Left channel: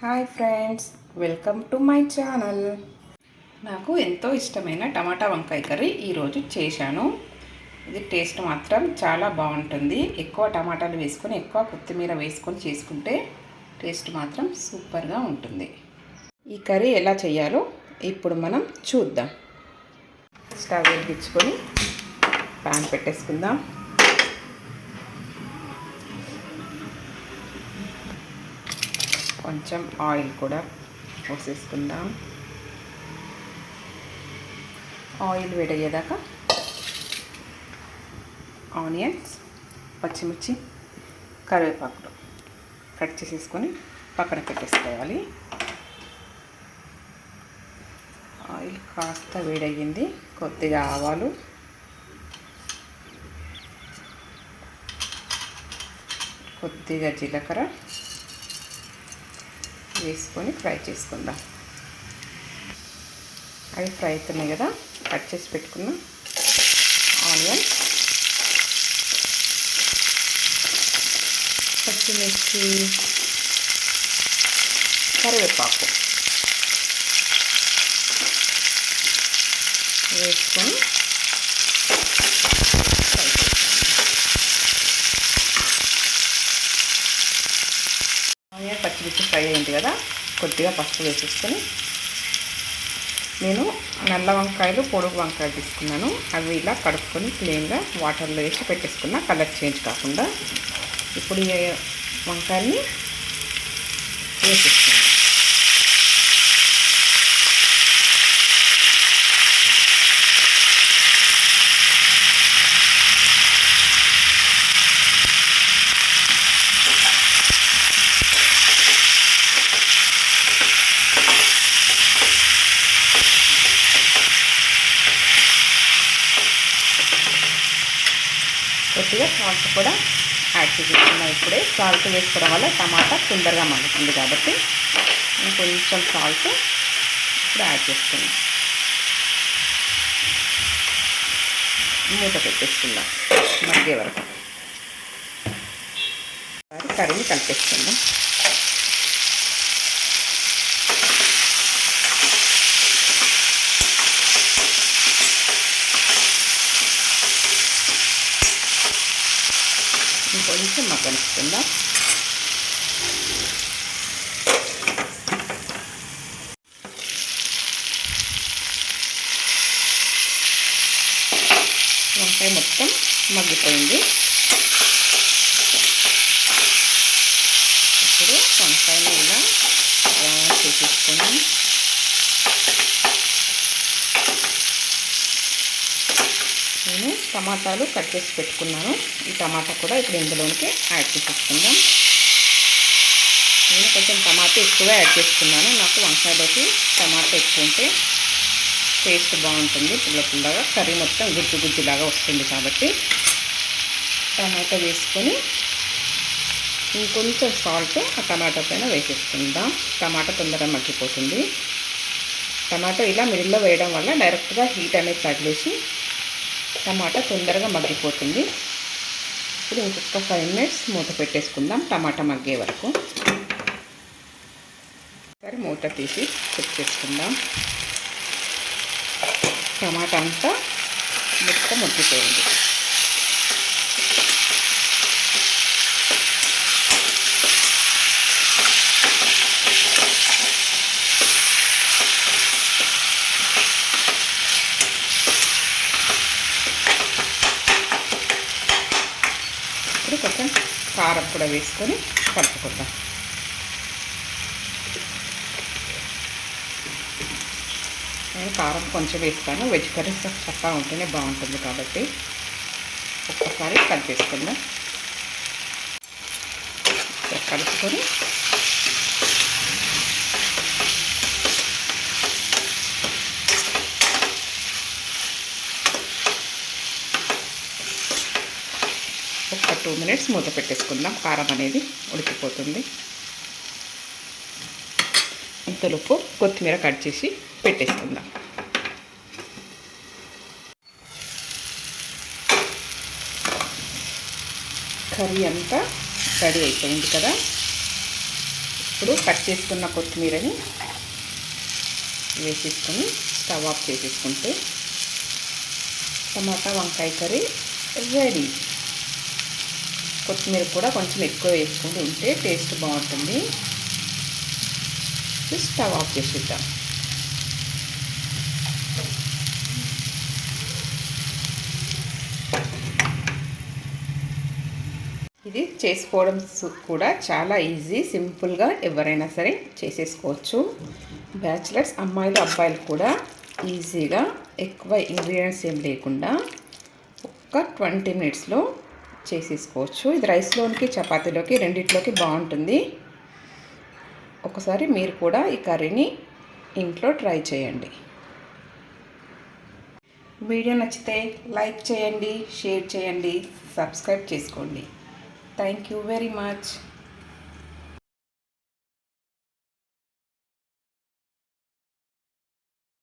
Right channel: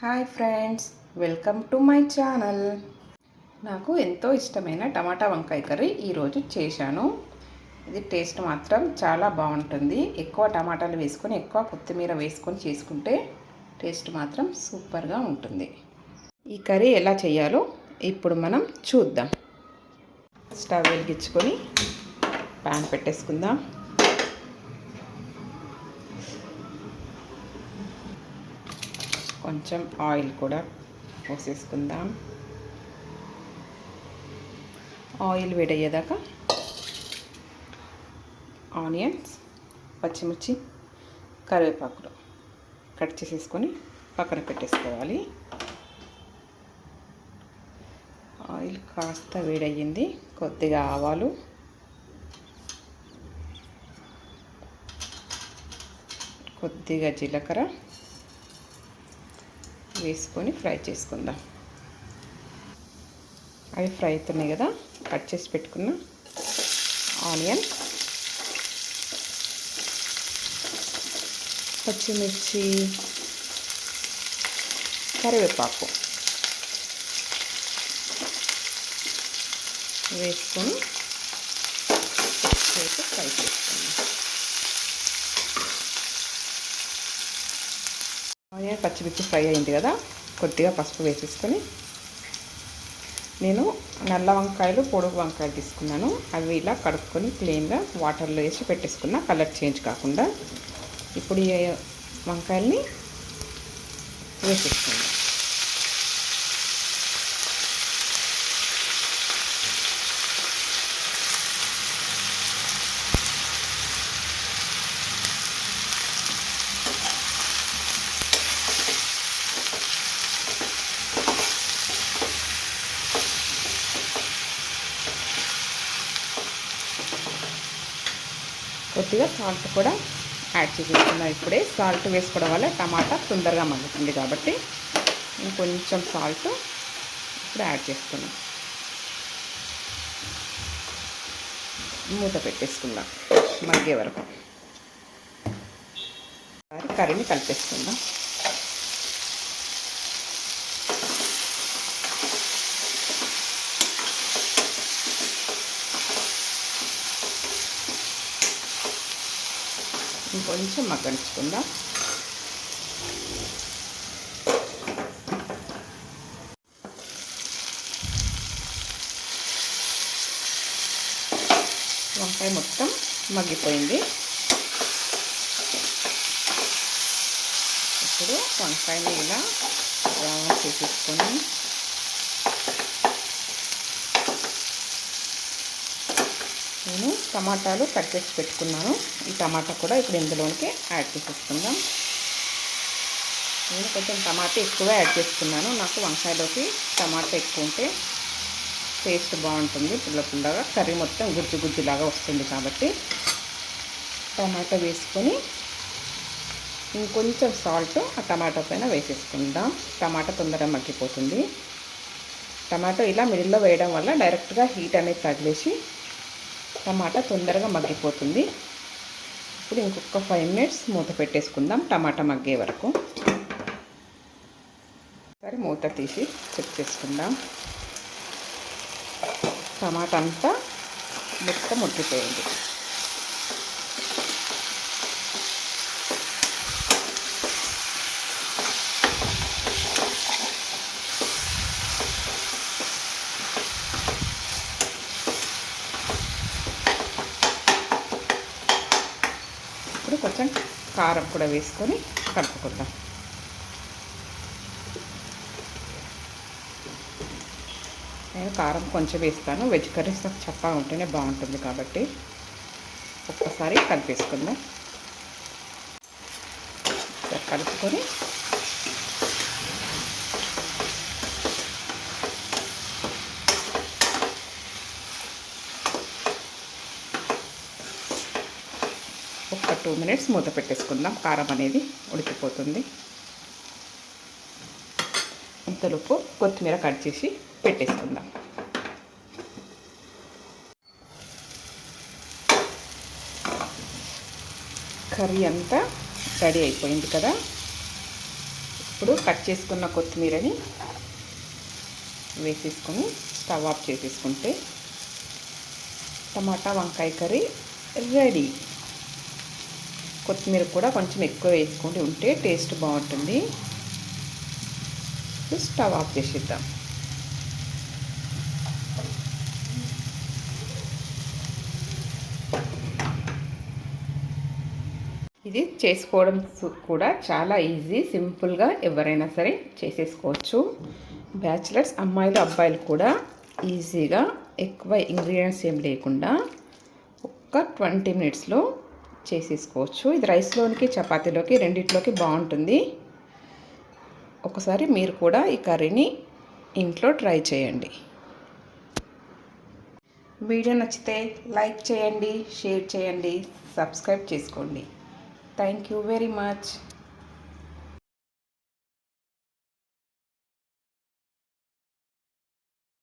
Hi friends, welcome to my channel. నాకు ఎంతో ఇష్టమైన టమాటా వంకాయ కర్రీ ఈరోజు చేశాను. ఇది టేస్ట్ మాత్రం చాలా బాగుంటుంది. ఎక్కువ టమాటాలు వేసుకొని ఎక్కువ కొత్తిమీర వేసుకొని చేసుకుంటే టేస్ట్ మాత్రం సూపర్గా ఉంటుంది. ఈ కర్రీ ఎలా చేయాలో ఇప్పుడు మనం చూద్దాం. స్టవ్ వెలిగించుకొని పాన్ పెట్టేసుకుందాం. కొంచెం ఆయిల్ కూడా పోసేసుకుందాం. ఆయిల్ వేడయ్యేదాకా ఆనియన్స్, పచ్చిమిర్చి, కరివేపాకులు కట్ చేసేసుకొని పక్కన పెట్టేసుకోవాలి. ఆయిల్ కాస్త వేడయ్యింది. కొద్దిగా ఆవాలు, కొద్దిగా జీలకర్ర వేసుకొని ఫ్రై చేసుకుందాం. అవి ఫ్రై అవుతున్నాయి కదా, కట్ చేసి పెట్టుకున్న ఆనియన్, పచ్చిమిర్చి, కరివేపాకు వేసుకొని ఫ్రై చేసుకుందాం. ఆనియన్ పచ్చిమిర్చి ఫ్రై అయింది కదా, కొద్దిగా పసుపు వేసేసుకొని నేను నల్ల వంకాయలు, పొడుగు వంకాయలు తీసుకున్నాను. అవి ఇలా కడుక్కొని క్లీన్గా వాటర్లో వేసి పెట్టేసుకున్నా, కలర్ చేంజ్ కాకుండా. ఇప్పుడు ఈ వంకాయల్ని వేసేసుకున్నాను. కొద్దిగా సాల్ట్ కూడా యాడ్ చేసుకున్నాం. ఇప్పుడే సాల్ట్ వేసుకోవడం వల్ల టమాటా తొందరగా మగ్గుతుంది కాబట్టి ఇంకొంచెం సాల్ట్ ఇప్పుడు యాడ్ చేసుకున్నాం. మూత పెట్టేసుకుందాం మధ్య వరకు. కర్రీని కలిపేసుకుందాం. ఇంకొంచెం మగ్గనిస్తుందా. వంకాయ మొత్తం మగ్గిపోయింది. ఇప్పుడు వంకాయని ఇలా రౌండ్ చేసేసుకొని నేను టమాటాలు కట్ చేసి పెట్టుకున్నాను. ఈ టమాటా కూడా ఇప్పుడు ఇందులోనికి యాడ్ చేసేసుకుందాం. నేను కొంచెం టమాటా ఎక్కువ యాడ్ చేసుకున్నాను. నాకు వంకాయలోకి టమాటా ఎక్కువ ఉంటే టేస్ట్ బాగుంటుంది. పుల్ల పుల్లగా కర్రీ మొత్తం గుజ్జు గుజ్జులాగా వస్తుంది కాబట్టి టమాటా వేసుకొని ఇంకొంచెం సాల్ట్ ఆ టమాటా పైన వేసేసుకుందాం. టమాటా తొందరగా మగ్గిపోతుంది. టమాటా ఇలా మిడిల్లో వేయడం వల్ల డైరెక్ట్గా హీట్ అనేది తగిలేసి టమాటా తొందరగా మగ్గిపోతుంది. ఇప్పుడు ఇంకొక 5 మినిట్స్ మూత పెట్టేసుకుందాం టమాటా మగ్గే వరకు. సరే మూత తీసి చెక్ చేసుకుందాం. టమాటా అంతా మొత్తం మగ్గిపోయింది. ఇప్పుడు కొంచెం కారం కూడా వేసుకొని కలుపుకుందాం. నేను కారం కొంచెం వేస్తాను. వెజ్ కర్రీస్ చక్కగా ఉంటేనే బాగుంటుంది కాబట్టి ఒక్కసారి కలిపేసుకుందాం. కలుపుకొని ఒక 2 మినిట్స్ మూత పెట్టేసుకుందాం. కారం అనేది ఉడికిపోతుంది. ఇంతలోపు కొత్తిమీర కట్ చేసి పెట్టేసుకుందాం. కర్రీ అంతా రెడీ అయిపోయింది కదా. ఇప్పుడు కట్ చేసుకున్న కొత్తిమీరని వేసేసుకొని స్టవ్ ఆఫ్ చేసేసుకుంటే టమాటా వంకాయ కర్రీ రెడీ. కొత్తిమీర కూడా కొంచెం ఎక్కువ వేసుకుంటూ ఉంటే టేస్ట్ బాగుంటుంది. స్టవ్ ఆఫ్ చేసేద్దాం. ఇది చేసుకోవడం కూడా చాలా ఈజీ, సింపుల్గా ఎవరైనా సరే చేసేసుకోవచ్చు. బ్యాచిలర్స్ అమ్మాయిలు అబ్బాయిలు కూడా ఈజీగా ఎక్కువ ఇంగ్రీడియంట్స్ ఏం లేకుండా ఒక 20 మినిట్స్లో చేసేసుకోవచ్చు. ఇది రైస్లోనికి చపాతీలోకి రెండిట్లోకి బాగుంటుంది. ఒకసారి మీరు కూడా ఈ కర్రీని ఇంట్లో ట్రై చేయండి. వీడియో నచ్చితే లైక్ చేయండి, షేర్ చేయండి, సబ్స్క్రైబ్ చేసుకోండి. Thank you very much.